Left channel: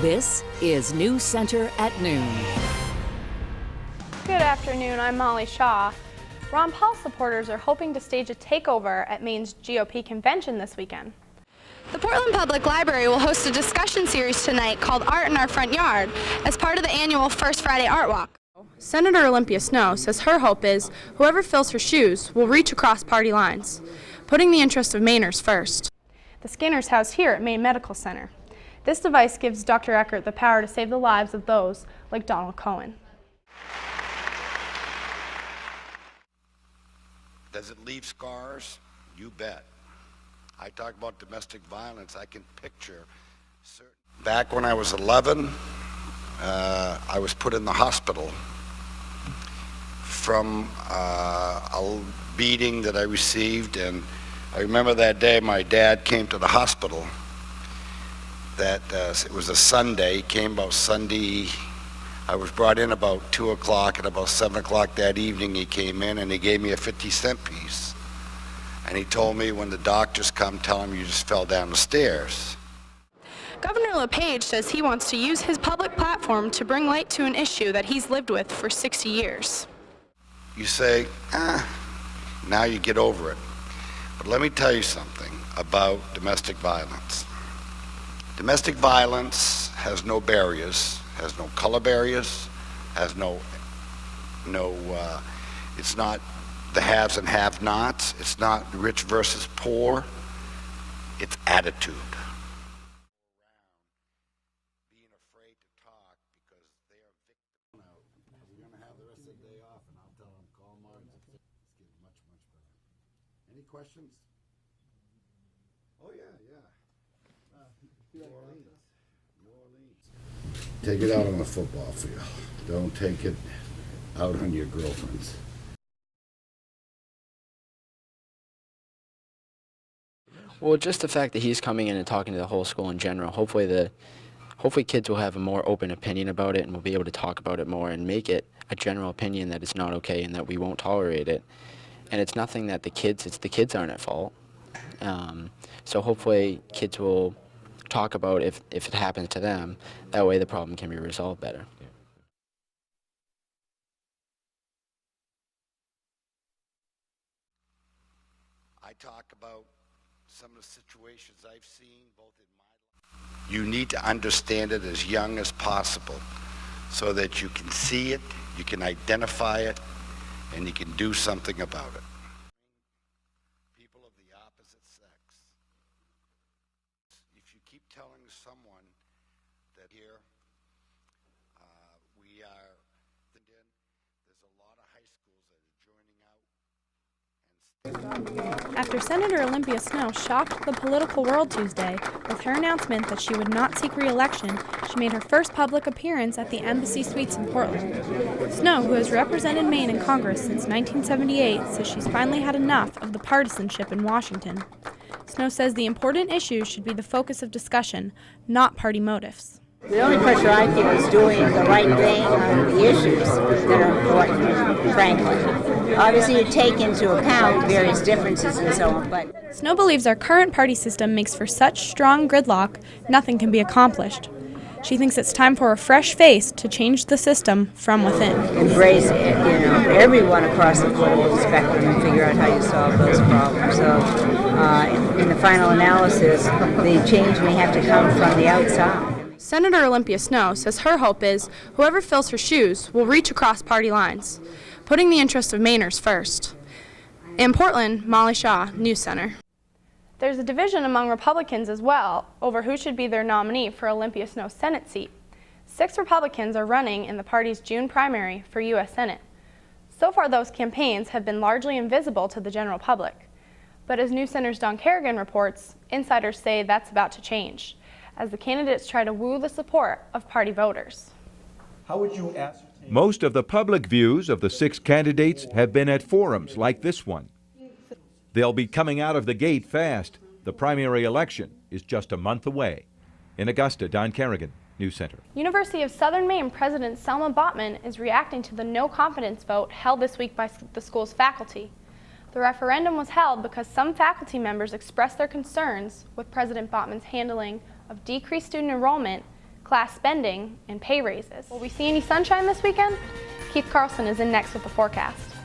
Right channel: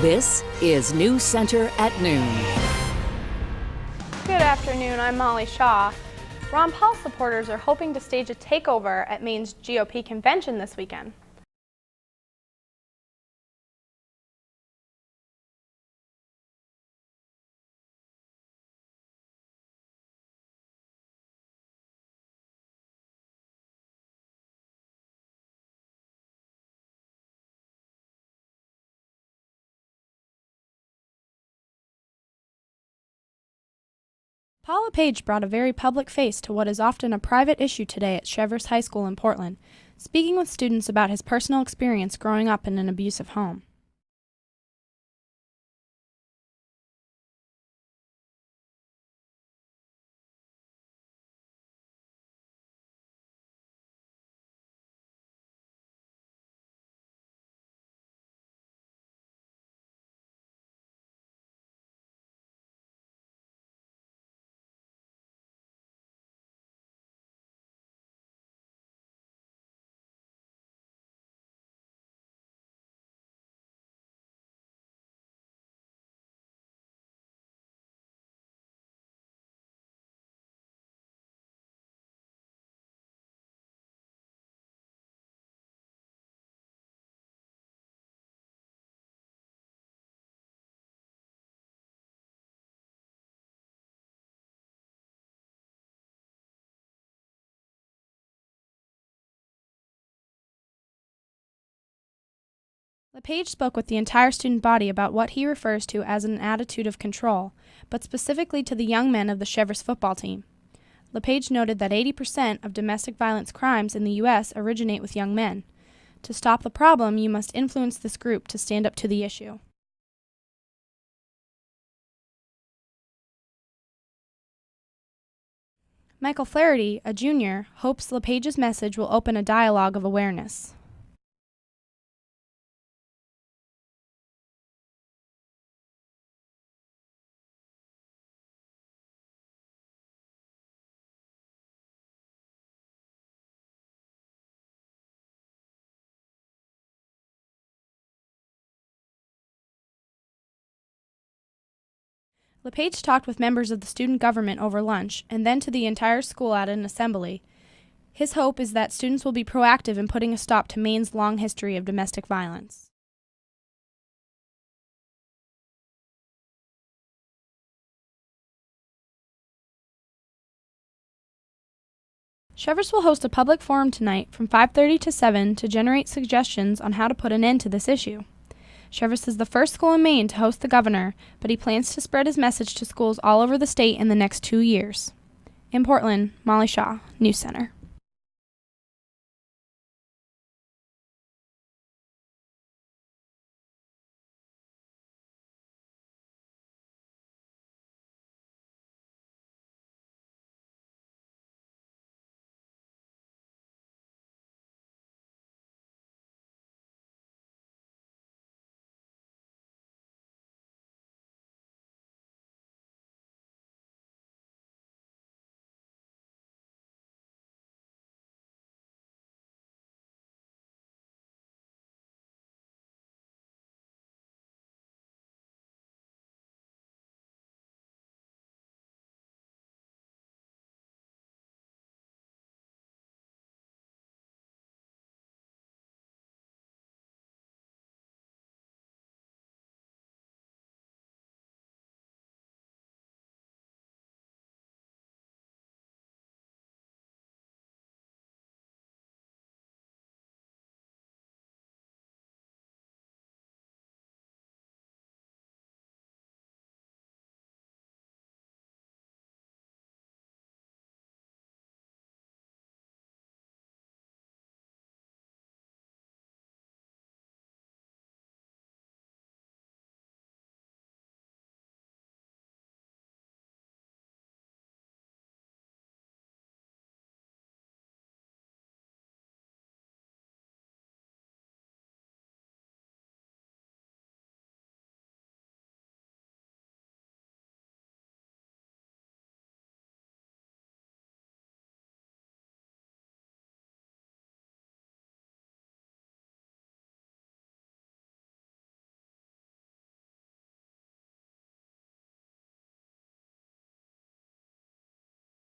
This is News Center at noon. Good afternoon, I'm Molly Shaw. Ron Paul supporters are hoping to stage a takeover at Maine's GOP convention this weekend. The Portland Public Library will host a discussion series tonight called Art in Our Front Yard as part of the annual First Friday Art Walk. Senator Olympia Snowe says her hope is whoever fills her shoes will reach across party lines, putting the interest of Mainers first. The scanner's housed here at Maine Medical Center. This device gives Dr. Eckert the power to save the lives of those like Donald Cohen. Paul LePage brought a very public face to what is often a private issue today at Cheverus High School in Portland, speaking with students about his personal experience growing up in an abusive home. Back when I was 11, I was put in the hospital from a beating that I received, and I remember that day my dad came to the hospital. It was a Sunday. He came about Sunday. I was brought in about 2 o'clock, and about 7 o'clock that evening he came in and he gave me a 50-cent piece. And he told me, when the doctors come, tell them you just fell down the stairs. Governor LePage says he wants to use his public platform to bring light to an issue that he's lived with for 60 years. You say, now you get over it. But let me tell you something about domestic violence. Domestic violence has no barriers, has no color barriers, has it's not the haves and have-nots, it's not rich versus poor, it's attitude. LePage spoke with the entire student body about what he refers to as an attitude of control, but specifically to the young men of the Cheverus football team. LePage noted that 80% of domestic violence crimes in the U.S. originate with young men. To stop the problem, you must influence this group to stand up to the issue. Take it out on the football field. Don't take it out on your girlfriends. Michael Flaherty, a junior, hopes LePage's message will open a dialogue of awareness. Well, just the fact that he's coming in and talking to the whole school in general, hopefully kids will have a more open opinion about it and will be able to talk about it more and make it a general opinion that it's not okay and that we won't tolerate it. And it's nothing that the kids aren't at fault. So hopefully kids will talk about if it happens to them. That way the problem can be resolved better. LePage talked with members of the student government over lunch and then to the entire school at an assembly. His hope is that students will be proactive in putting a stop to Maine's long history of domestic violence. You need to understand it as young as possible so that you can see it, you can identify it, and you can do something about it. Cheverus will host a public forum tonight from 5:30 to 7 to generate suggestions on how to put an end to this issue. Cheverus is the first school in Maine to host the governor, but he plans to spread his message to schools all over the state in the next 2 years. In Portland, Molly Shaw, News Center. After Senator Olympia Snowe shocked the political world Tuesday with her announcement that she would not seek re-election, she made her first public appearance at the Embassy Suites in Portland. Snowe, who has represented Maine in Congress since 1978, says she's finally had enough of the partisanship in Washington. Snowe says the important issues should be the focus of discussion, not party motives. The only pressure I feel is doing the right thing on the issues that are important, frankly. Obviously, you take into account various differences and so on, but... Snowe believes our current party system makes for such strong gridlock, nothing can be accomplished. She thinks it's time for a fresh face to change the system from within. Embrace it, everyone across the political spectrum and figure out how you solve those problems. So, in the final analysis, the change may have to come from the outside. Senator Olympia Snowe says her hope is whoever fills her shoes will reach across party lines, putting the interest of Mainers first. In Portland, Molly Shaw, News Center. There's a division among Republicans as well over who should be their nominee for Olympia Snowe's Senate seat. 6 Republicans are running in the party's June primary for U.S. Senate. So far, those campaigns have been largely invisible to the general public. But as News Center's Don Kerrigan reports, insiders say that's about to change, as the candidates try to woo the support of party voters. How would you ascertain? Most of the public views of the 6 candidates have been at forums like this one. They'll be coming out of the gate fast. The primary election is just a month away. In Augusta, Don Kerrigan, News Center. University of Southern Maine President Selma Botman is reacting to the no confidence vote held this week by the school's faculty. The referendum was held because some faculty members expressed their concerns with President Botman's handling of decreased student enrollment, class spending, and pay raises. Will we see any sunshine this weekend? Keith Carlson is in next with the forecast.